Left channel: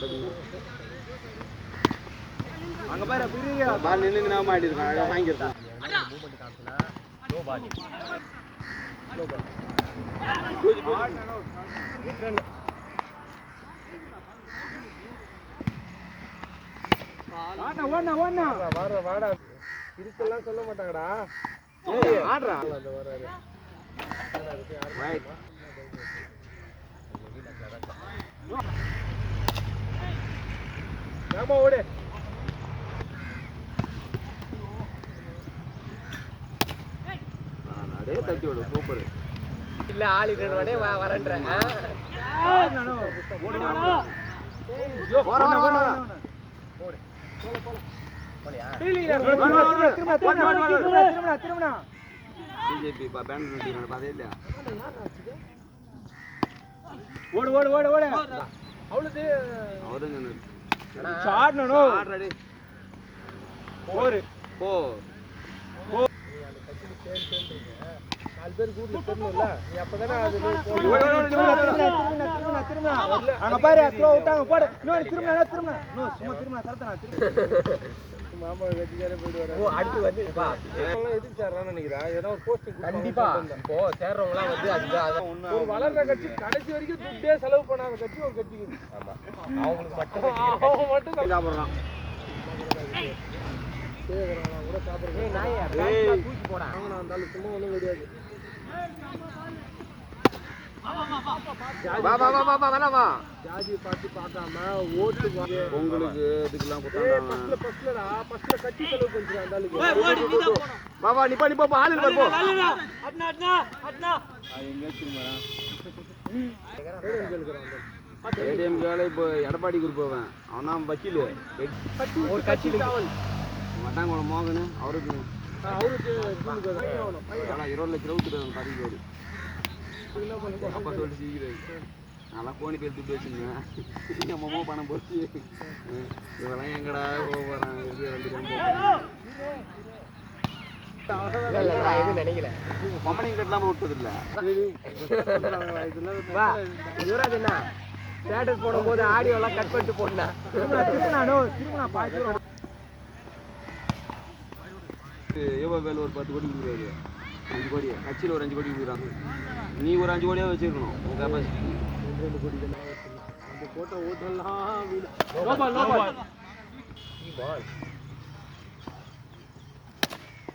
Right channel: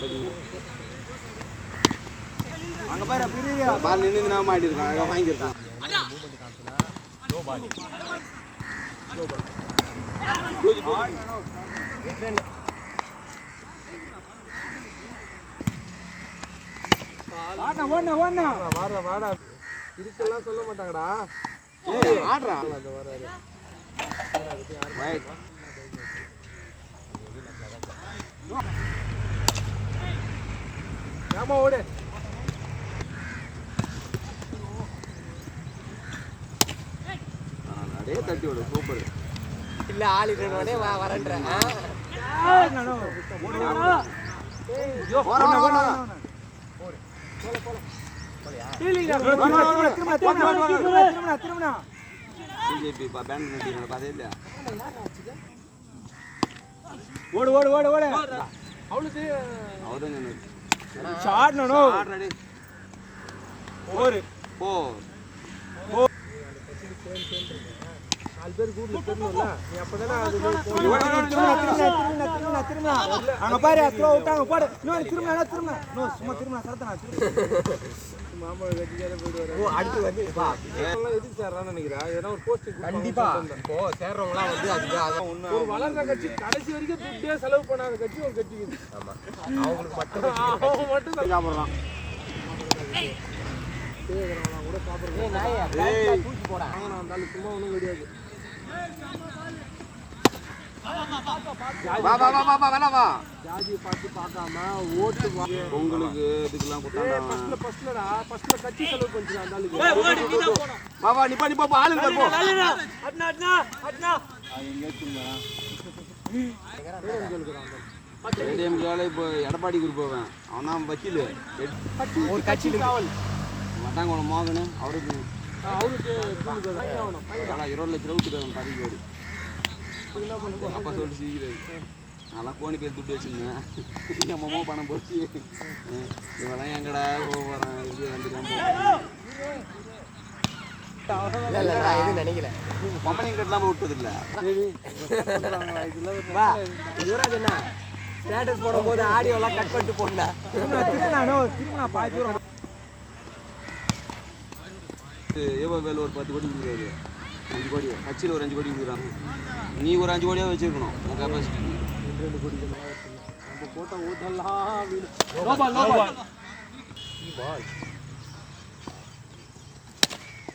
நடக்கும். பால் நின்று நான் மாட்டிருக்கேன், அழகாக வாங்கியிருக்கேன். வாடா இதுக்கெல்லாம் சொல்ல மாட்டாங்கடா. ஆடுறா ஆமா ஓடு. அப்படியே தட்டி விடு. சூப்பர். இல்ல ஆளுக்கு வரேன்றேன். பிஜேபி பேண்ட் பாதே இல்லையா? ஓடு ஓடு ஓடு ஓடு. அவளுக்கு அவருங்க ஆடுறடி. ஓடு போ. நாலு பேர் கூட்டி போறணும்ல. நீ அப்பதான் அங்க பாரு த்ரோ விட்டாங்க போடு. இன்னொரு திரும்ப சும்மா திரும்ப சரத்தனா மாமா வெட்டியார போடுவாரு. ஓ அடுத்து வந்து பா எல்லாம் எதுக்கு சேர்றான்னு நினைக்கிறா? ஏதோ ஒரு போஸ்ட் கண்டிப்பா இப்போ சேர்றவங்களா வந்து அதுதான் ஒரு வளர்ற கட்சி கடைசி வரைக்கும் துட்டே செலவு பண்ணாத கட்சி ஒரு கட்சி. ஆமா அவங்களுக்கு மட்டும் சாப்பிடுறான். கூட சாப்பிடுறேன். தூக்கி போடா. வாங்க நான் வந்தாலும் சும்மா ஒன்றும் கிடையாது. வா வா வா வா வா வா. ஜாதியை பார்த்து பார்க்காம ஓட்டு உங்களுக்கு இதுக்கெல்லாம் கொடுத்தாங்க. ஃபர்ஸ்ட்ல கட்சி செலவு பண்ணிக்கலாம் அந்த ஆளுக்கு. வா வா நிப்பா நிப்பா ஆளு வர போ. அட்னா அட்னா அட்னா ஏடிஎம் கால இப்போ எடப்பாடி குரூப் போவேன். அவன் தான் வக்கீல். ஒரு கட்சியில் மட்டாங்குளம் மோகனு அவருக்கு 20 லட்சம் ரூபா பதவிக்கு ஓடி அப்பா சொல்லிட்டு சிரிக்கிறாரு. நல்லா கோணி பேர் துட்டு வச்சுருந்தேன். நம்மமோ பணம் போச்சு. இதெல்லாம் எங்கடா போகிறேன் இது வந்துடும் நினைக்கிறேன். கம்பெனி கட்டலாம் விட்டது இல்லை. யுவராஜ் என்ன ஸ்டேட்டஸ் போடும்போது ஆடியோ எல்லாம் கட் பண்ணிட்டு போனேன். வேலை ஒரு 10 கோடி கொடுக்குறாரு. 5 கோடி கட்சியில் ஒரு 5 கோடி கொடுக்குறாங்க. நீ ஒரு 5 கோடியாக வச்சிருக்கணும் உன் கெப்பாசிட்டி. 2 கோடி நம்ம போட்ட ஓட்டெல்லாம்